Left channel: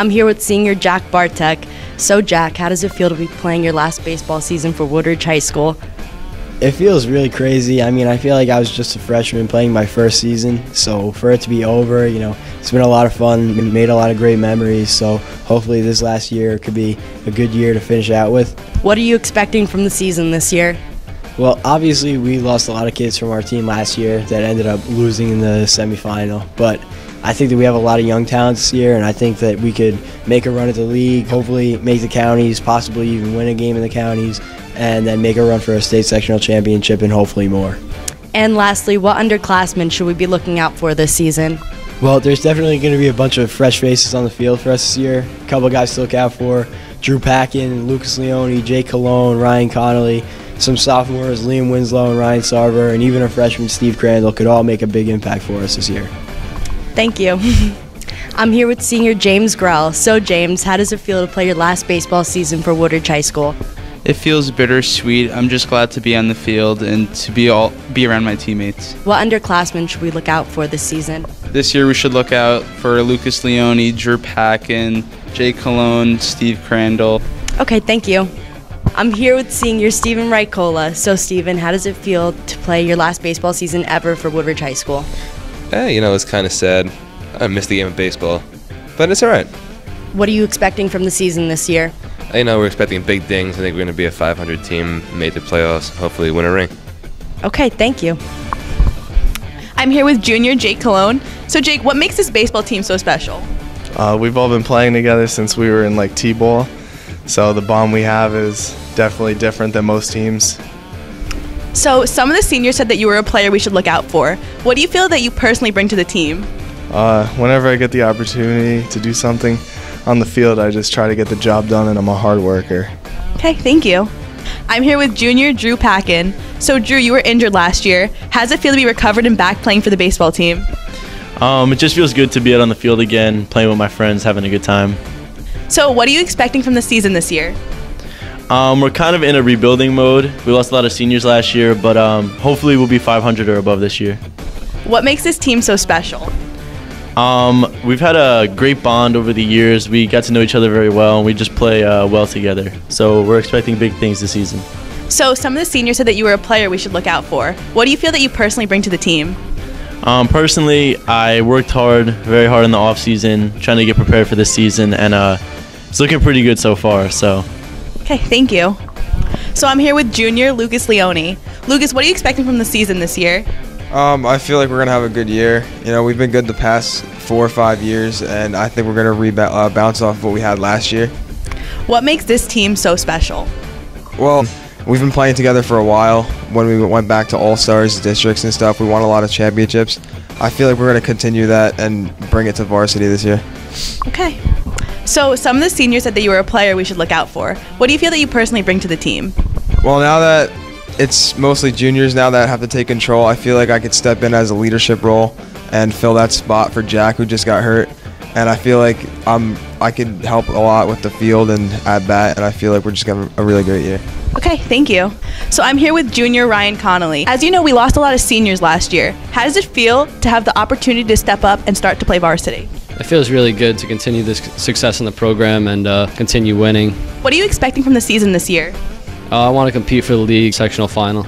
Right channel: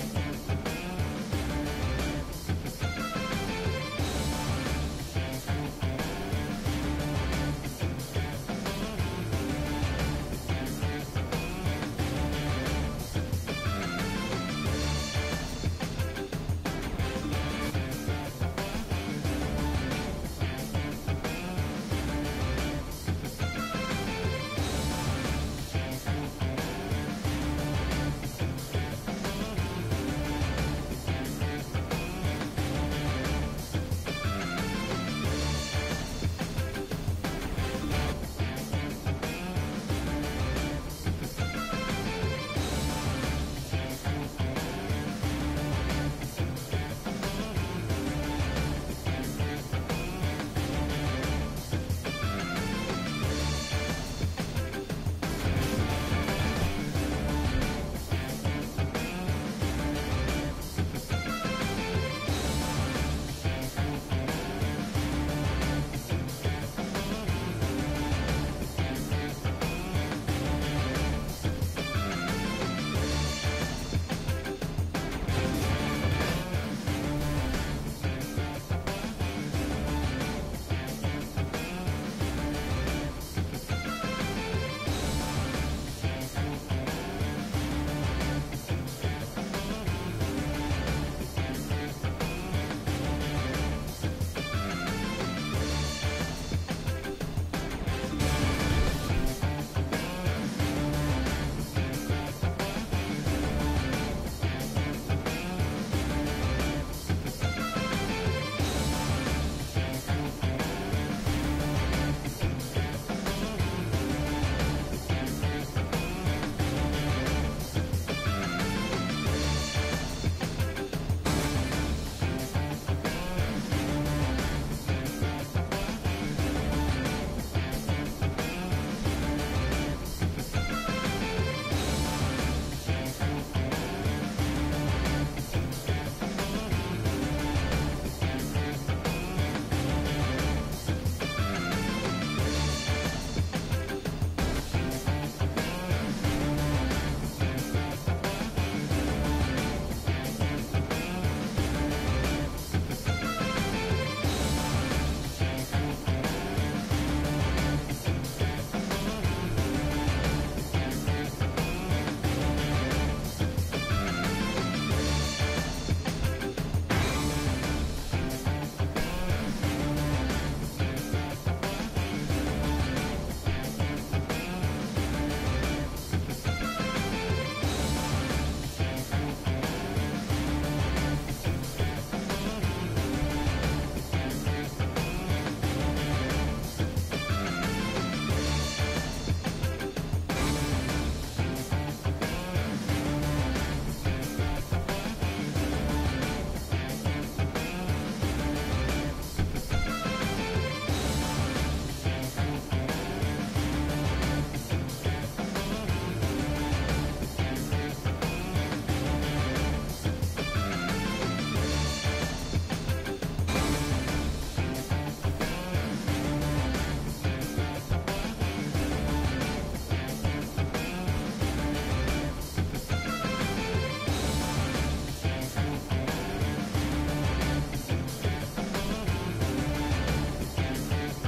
I'm here with senior Jack Bartek. So Jack, how does it feel to be playing your last baseball season for Woodridge High School? It feels really crazy. I mean, I feel like I was just a freshman playing my first season, so for it to be over, it's been a lot of fun. We made a lot of great memories, so hopefully this last year could be a good year to finish out with. What are you expecting from the season this year? Well, obviously we lost a lot of kids from our team last year that ended up losing in the semifinal, but I think that we have a lot of young talent this year, and I think that we could make a run at the league, hopefully make the counties, possibly even win a game in the counties, and then make a run for a state sectional championship and hopefully more. And lastly, what underclassmen should we be looking out for this season? Well, there's definitely going to be a bunch of fresh faces on the field for us this year. A couple of guys to look out for: Drew Packin, Lucas Leone, Jake Cologne, Ryan Connolly. Some sophomores, Liam Winslow and Ryan Sarver, and even a freshman, Steve Crandall, could all make a big impact for us this year. Thank you. I'm here with senior James Grell. So James, how does it feel to play your last baseball season for Woodridge High School? It feels bittersweet. I'm just glad to be on the field and to be around my teammates. What underclassmen should we look out for this season? This year we should look out for Lucas Leone, Drew Packin, Jake Cologne, Steve Crandall. Okay, thank you. I'm here with senior Stephen Wright. So Stephen, how does it feel to play your last baseball season ever for Woodridge High School? It's kind of sad. I missed the game of baseball, but it's all right. What are you expecting from the season this year? We're expecting big things. I think we're going to be a 500 team, made the playoffs, hopefully win a ring. Okay, thank you. I'm here with junior Jake Cologne. So Jake, what makes this baseball team so special? We've all been playing together since we were in T-ball, so the bond we have is definitely different than most teams. So some of the seniors said that you were a player we should look out for. What do you feel that you personally bring to the team? Whenever I get the opportunity to do something on the field, I just try to get the job done, and I'm a hard worker. Okay, thank you. I'm here with junior Drew Packin. So Drew, you were injured last year. How does it feel to be recovered and back playing for the baseball team? It just feels good to be out on the field again, playing with my friends, having a good time. So what are you expecting from the season this year? We're kind of in a rebuilding mode. We lost a lot of seniors last year, but hopefully we'll be 500 or above this year. What makes this team so special? We've had a great bond over the years. We got to know each other very well, and we just play well together. So we're expecting big things this season. So some of the seniors said that you were a player we should look out for. What do you feel that you personally bring to the team? Personally, I worked very hard in the off season, trying to get prepared for this season, and it's looking pretty good so far. So. Okay, thank you. So I'm here with junior Lucas Leone. Lucas, what are you expecting from the season this year? I feel like we're going to have a good year. We've been good the past 4 or 5 years, and I think we're going to bounce off what we had last year. What makes this team so special? Well, we've been playing together for a while. When we went back to All-Stars, districts and stuff, we won a lot of championships. I feel like we're going to continue that and bring it to varsity this year. Okay. So some of the seniors said that you were a player we should look out for. What do you feel that you personally bring to the team? Well, now that it's mostly juniors now that have to take control, I feel like I could step in as a leadership role and fill that spot for Jack, who just got hurt. And I feel like I could help a lot with the field and at bat, and I feel like we're just going to have a really great year. Okay, thank you. So I'm here with junior Ryan Connolly. As you know, we lost a lot of seniors last year. How does it feel to have the opportunity to step up and start to play varsity? It feels really good to continue this success in the program and continue winning. What are you expecting from the season this year? I want to compete for the league sectional final.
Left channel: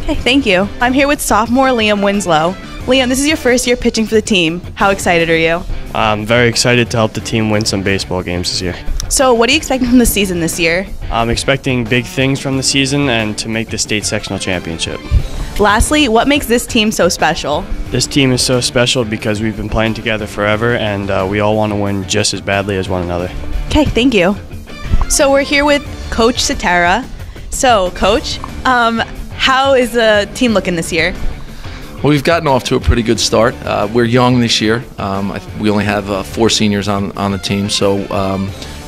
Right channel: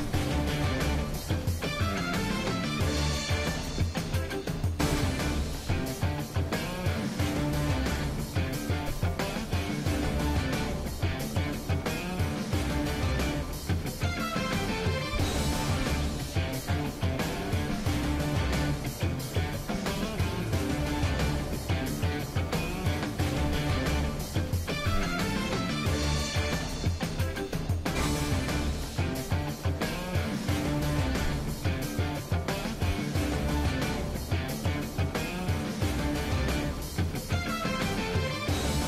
Okay, thank you. I'm here with sophomore Liam Winslow. Liam, this is your first year pitching for the team. How excited are you? I'm very excited to help the team win some baseball games this year. So what are you expecting from the season this year? I'm expecting big things from the season and to make the state sectional championship. Lastly, what makes this team so special? This team is so special because we've been playing together forever, and we all want to win just as badly as one another. Okay, thank you. So we're here with Coach Satara. So, Coach, how is the team looking this year? Well, we've gotten off to a pretty good start. We're young this year. We only have 4 seniors on the team, so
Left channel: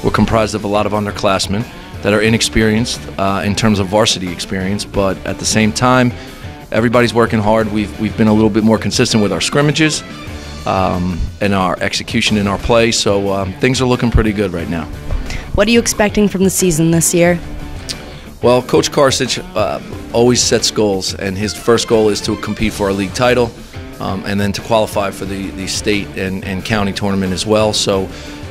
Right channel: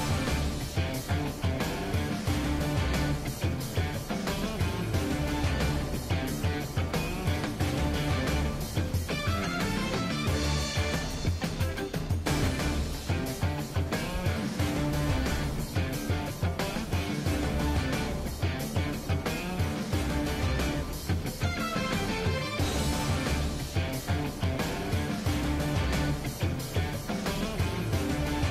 we're comprised of a lot of underclassmen that are inexperienced in terms of varsity experience, but at the same time, everybody's working hard. We've been a little bit more consistent with our scrimmages and our execution in our play, so things are looking pretty good right now. What are you expecting from the season this year? Well, Coach Karsich always sets goals, and his first goal is to compete for our league title and then to qualify for the state and county tournament as well. So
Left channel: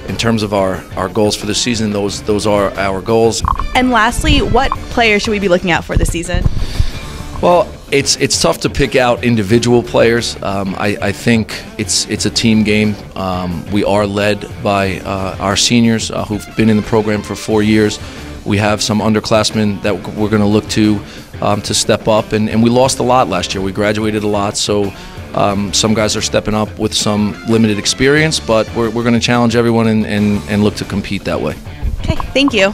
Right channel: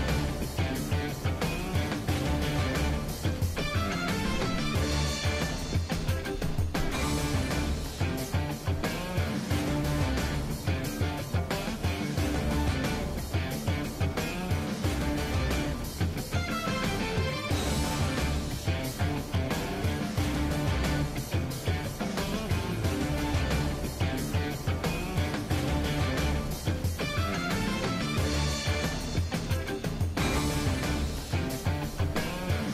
in terms of our goals for the season, those are our goals. And lastly, what players should we be looking out for this season? Well, it's tough to pick out individual players. I think it's a team game. We are led by our seniors who've been in the program for 4 years. We have some underclassmen that we're going to look to step up, and we lost a lot last year. We graduated a lot, so some guys are stepping up with some limited experience, but we're going to challenge everyone and look to compete that way. Okay, thank you.